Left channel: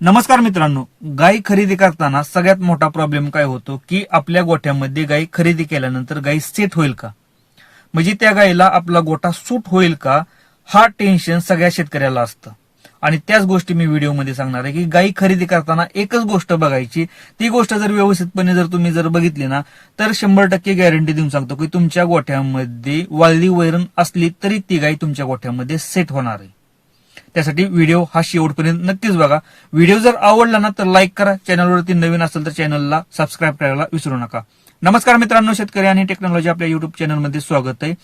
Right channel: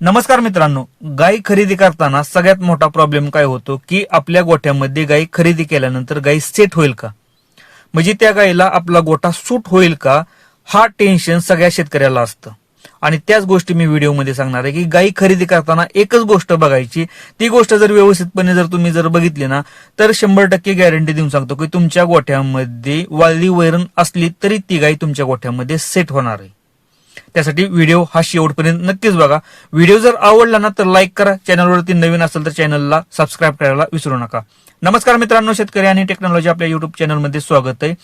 नमस्कार मित्रांनो, गाय खरेदी करताना सगळ्यात मोठा प्रॉब्लेम काय होतो की आपल्या गोठ्यामध्ये गाय खरेदी केल्यानंतर गाय सेट होईल का, म्हणजे त्या गायीला आपला गोठा सूट होईल का, हा टेन्शन सगळ्या शेतकऱ्याला असतं. आणि त्याच गोष्टी मी व्हिडिओमध्ये सांगणार आहे की गाय खरेदी करताना एकच गोष्ट बघायची. ती गोष्ट जर व्यवस्थितपणे तुम्ही बघितली ना, तर 100% गॅरंटी देऊन सांगतो की तुमच्या गोठ्यामध्ये वाळली वैरण असली तरी ती गाय तुमच्या गोठ्यामध्ये सेट होणार आहे. त्यासाठी व्हिडिओ हा शेवटपर्यंत नक्कीच बघा. व्हिडिओ जर आवडला ना तर लाईक करा. चॅनलवरती नवीन असेल तर चॅनलला सबस्क्राईब करायला विसरू नका. नमस्कार मित्रांनो, शेतकरी आणि टेक्नॉलॉजी आपल्या युट्यूब चॅनलमध्ये स्वागत आहे.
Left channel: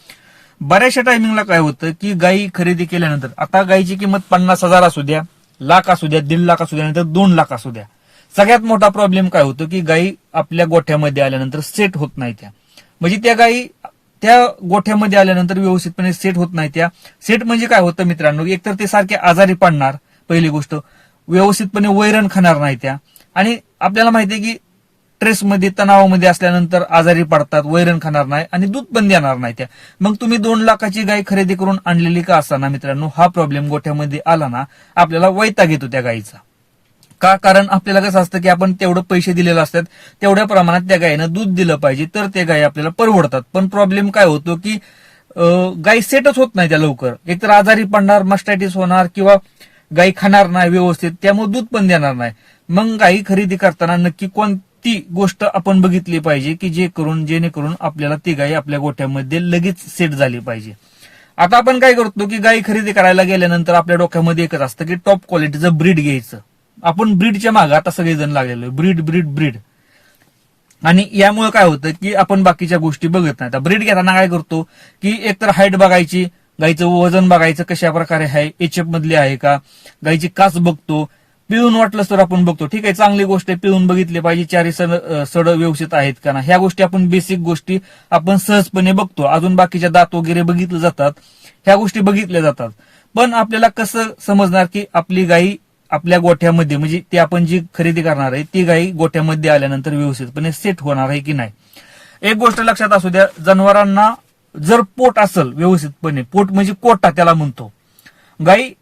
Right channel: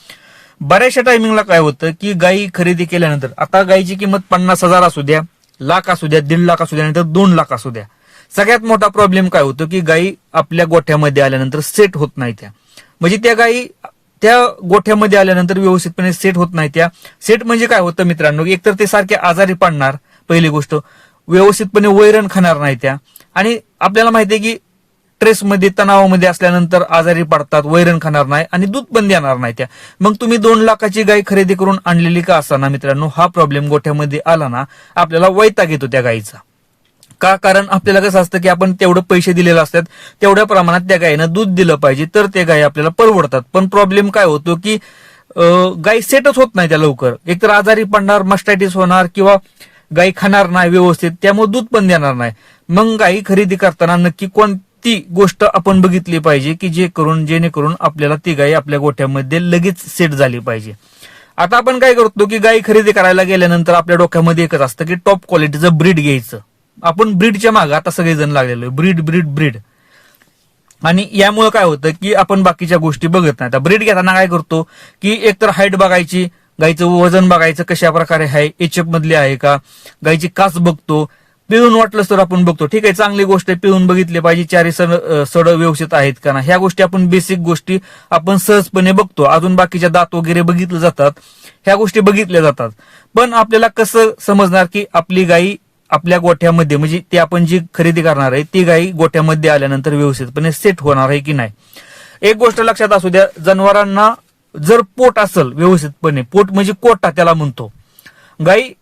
बऱ्याचशा टायमिंगला काय होतं की गायी खरेदी केल्यानंतर, आता गायीची किंमत 50,000 असू द्या, लाख असू द्या, 1.5 लाख असू द्या, नाहीतर 2 लाख असू द्या, सगळ्यात मोठा प्रॉब्लेम काय होतो की गायी आपल्या गोठ्यामध्ये आल्यानंतर सेट होत नाही. त्या म्हणजे त्या गायी त्या गोठ्यामध्ये आल्यानंतर व्यवस्थितपणे सेट होत नाही. त्या सेट म्हणजे काय होतं मित्रांनो, एकतर ते सारखे आजारी पडणार, पहिली गोष्ट, व्यवस्थितपणे वैरण खाणार नाही त्या, आणि आपल्याला माहिती आहे की स्ट्रेसमध्ये, तणावामध्ये असल्यानंतर आजारी पडतात, वैरण खाणार नाही आणि दूध पण देणार नाही त्या. मग तुम्ही 2 लाखाची गाय खरेदी करून आणलेली का असताना मित्रांनो, हा प्रॉब्लेम गोठ्यामध्ये आला ना, आपल्याला वैताग येतो त्या गायीचा. का? कारण आपल्याला कसं असतं की आपण तेवढे पैसे दिलेले असतात, तेवढ्या प्रमाणात त्या गायीनं दूध दिलं पाहिजे, तर ते गायी आपल्याला परवडतात. पण प्रॉब्लेम काय होतो की गाय सेटच होत नाही त्या लवकर. एकतर आजारी पडणार, मस्टायटिस होणार, किंवा गाय खाणार नाही व्यवस्थित, त्यामुळे दूध पण देणार नाही. मग गायी खरेदी करताना नक्की कोणती गोष्ट आपण बघितली पाहिजे की जेणेकरून आपल्याला ती गाय आपल्या गोठ्यामध्ये लगेच सेट झाली पाहिजे. आता आपण काय करतो की गाय खरेदी करायला गेल्यानंतर आपल्या डोक्यामध्ये एकच असतं की टॉप क्वालिटीचं ब्रीड घ्यायचं. आपण ब्रीडच्या मागे आता सगळेजण लागलेलो, ब्रीड ब्रीड ब्रीड. आणि यामुळे काय होतं की आपण बाकीच्या गोष्टी बघत नाही. ब्रीड घेताना काय करतो की एकतर हाईट बघायची, गायचं वजन बघायचं कशा प्रकारे आहे, एचएफ मधले आहे का, गायची कास बघतो, पिळून वाटलं तर आपण बघतो. ठीक आहे, चांगली गोष्ट आहे, पिळून बघितले पाहिजे, चारी सड व्यवस्थित आहेत का ना, ह्या गोष्टी आपण बेसिक गोष्टी आपण सहजपणे बघतो. अजून बाकीच्या दात वगैरे बघितले जातात, ह्या गोष्टी बघितल्या जातात. पण आपल्याला कसं समजणार की आपली गायी आपल्या गोठ्यामध्ये, म्हणजे ती आपण जी खरेदी करणार आहे ती गायी गोठ्यामध्ये आल्यानंतर व्यवस्थितपणे सेट होणार आहे की नाही. एक गोष्ट लक्षात असू द्या, जनावरांना जर पोट असेल व्यवस्थितपणे, पोट म्हणजे कोटा त्याला म्हणतो, गायी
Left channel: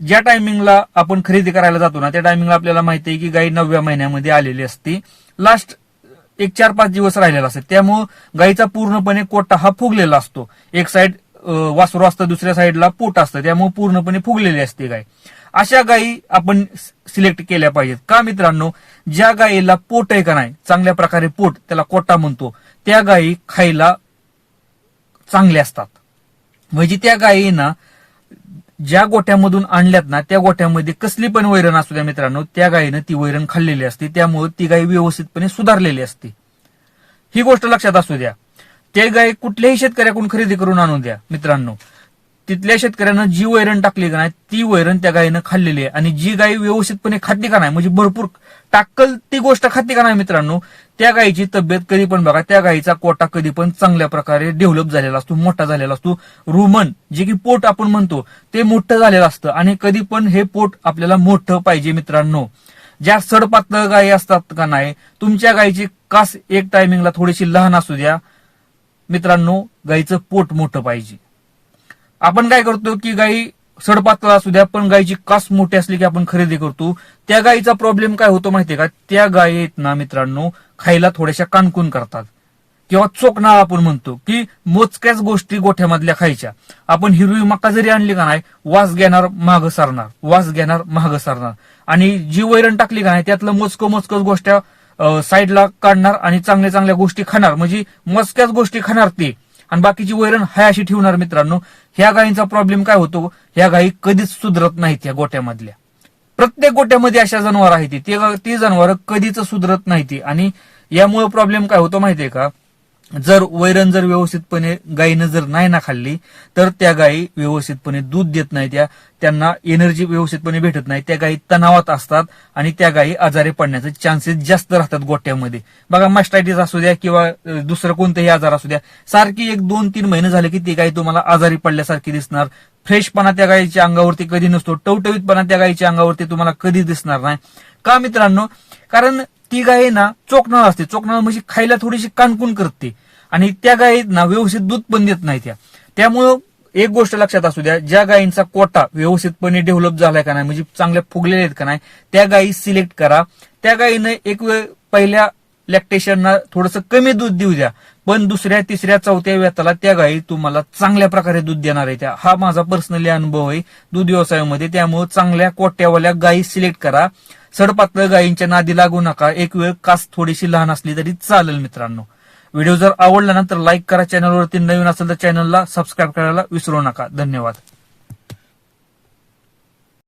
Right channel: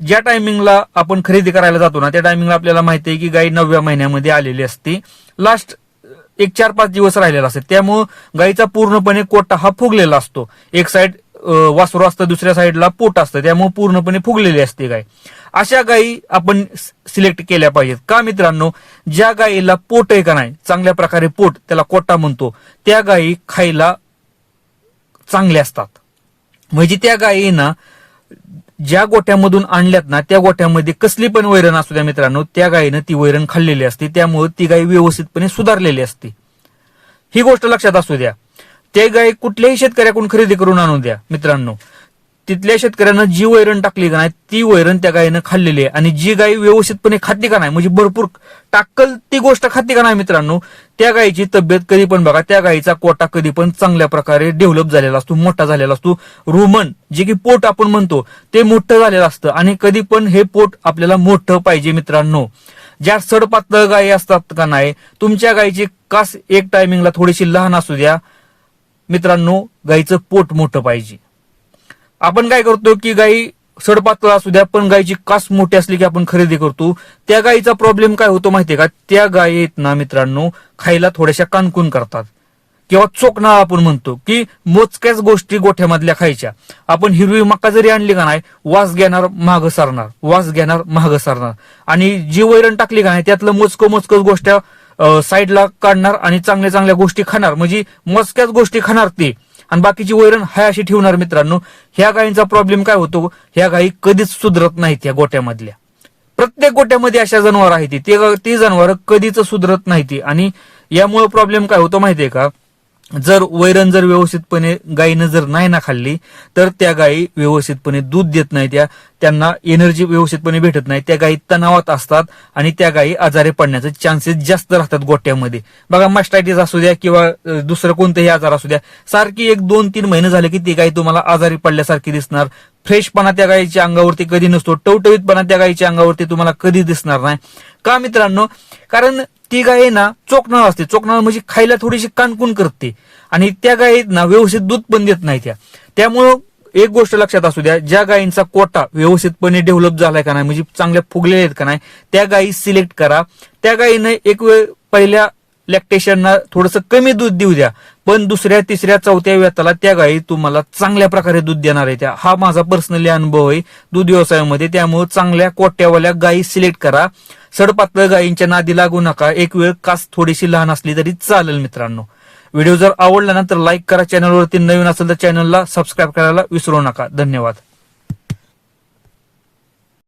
ज्या टायमिंगला आपण खरेदी करायला जातो ना, त्या टायमिंगला आपल्याला माहिती आहे की गायी 9व्या महिन्यामध्ये आलेली असते, लास्ट एक 4-5 दिवस राहिलेला असते. त्यामुळे गायीचा पूर्णपणे कोटा हा फुगलेला असतो. एक साईड वासरू असतं, दुसऱ्या साईडला पोट असतं, त्यामुळे पूर्णपणे फुगलेली असते गाय. अशा गायी आपण सिलेक्ट केल्या पाहिजेत. का मित्रांनो, ज्या गायीला पोट आहे का नाही, चांगल्या प्रकारे पोट, त्याला कोटा म्हणतो, त्या गायी खायला चांगल्या असतात. म्हणजे त्या गायींना ज्या गोठ्यामधून आणल्यात ना, त्या गोठ्यामध्ये कसली पण वैरण असू द्या मित्रांनो, त्या गायीनं ती वैरण खाल्लेली असते, त्यामुळे ती गाय व्यवस्थितपणे सुधारलेली असते. ही गोष्ट लक्षात असू द्या. त्या गाय कुठल्याही शेतकऱ्याकडून खरेदी करून आणून द्या मित्रांनो, तिथल्या शेतकऱ्यानं जी वैरण टाकली का नाही, ती वैरण त्या गायीनं खाल्लेली आहे. आणि जी गाय व्यवस्थितपणे खाते का नाही, म्हणजे भरपूर टाकल ती गोष्ट खाते का नाही मित्रांनो, त्या गायीची तब्येत कधी पण बघा, त्या गायीचा कोटा कधी पण चांगल्या प्रकारे डेव्हलप झालेला असतो, मोठा झालेला असतो. रुमन जे की पोट आपण म्हणतो ते मोठं झालेलं असतं, आणि कधी पण हे पोट आपल्याला मोठं पाहिजे मित्रांनो. ज्या सडपातळ गायी असतात का नाही, तुमच्या गायीची कास एक टायमिंगला थोडीशी लहान असू द्या मित्रांनो, गायीचं पोट मोठं पाहिजे. आपण काय करतो की गायी सडपातळ असू द्या पण गायीची कास मोठी असली की आपण खरेदी करतो. त्या गायीचा प्रॉब्लेम काय होतो माहितीये का, त्या गायीत ना मित्रांनो खायला थोड्याशा कानकून करतात, किंवा चोकनाळ आपण म्हणतो की मोजक्याच गोष्टी गोठ्यामधल्या खायच्या. आपण हिरवी मका जरी आणली का नाही, वास घेणार मागं सरणार, वास घेणार मागं सरणार, आणि जी वैरण टाकली का नाही त्यातलं मोजकं गोष्ट साईडला काढणार आणि चांगल्या चांगल्या गोष्टी खाणार, म्हणजे मोजक्याच गोष्टी खाणार ते, आणि बाकीची वैरण हाय अशी ठेवणार. मित्रांनो, ह्या गायींचा प्रॉब्लेम काय होतो, ह्या गायी कधीच सुधरत नाहीत. या गोट्यामधल्या प्रत्येक गोट्यामध्ये अशा जनावर आहेत, ती जनावर कधीच सुधरत नाहीत. आणि यामुळे प्रॉब्लेम काय होतो माहितीये का, जर वैरण व्यवस्थितपणे गायीनं जर नाही ना खाल्ली, तर त्या गायी व्यवस्थितपणे दूध देत नाही, त्यांना एनर्जी व्यवस्थितपणे भेटत नाही, त्या गायी तणावात असतात, आणि त्या गायी आजारी पडण्याचे चान्सेस जास्त राहतात गोट्यामध्ये. बघा, मस्टायटिस असू द्या किंवा दुसरं कोणतेही आजार असू द्या, सारखी 1-2-3 महिने झाले की ती गाय तुम्हाला आजारी पडल्यासारखी दिसणार. फ्रेशपणा त्या गायीच्या अंगावरती कधी नसतो, टवटवीतपणा त्या गायीच्या अंगावरती तुम्हाला कधी दिसणार नाही. का मित्रांनो, कारण ती गाय ना चोकनाळ असते. चोकनाळ म्हणजे खायला थोडीशी कानकून करते, आणि त्या गायीत ना व्यवस्थित दूध पण देत नाही. त्यामुळं एक गोष्ट लक्षात असू द्या, ज्या गायींचा कोटा व्यवस्थितपणे डेव्हलप झालाय का नाही, म्हणजे चांगल्या फुगलेल्या आहेत का नाही, त्या गायी सिलेक्ट करा. त्या गायीने एक वेळ पहिल्या लॅक्टेशनना थोडंसं कमी दूध देऊ द्या, पण दुसऱ्या तिसऱ्या चौथ्या वेताला त्या गायी तुम्हाला चांगल्या प्रकारे दूध देणार आहे. त्या हा माझा पर्सनली अनुभव आहे दूध व्यवसायामध्ये. त्यामुळे चांगल्या कोट्यावाल्या गायी सिलेक्ट करा. सडपातळ गायींच्या नादी लागू नका. एक वेळ कास थोडीशी लहान असली तरी चालेल. मित्रांनो, व्हिडिओ जर आवडला ना तर लाईक करा. चॅनलवरती नवीन असेल तर चॅनलला सबस्क्राईब करायला विसरू नका. धन्यवाद.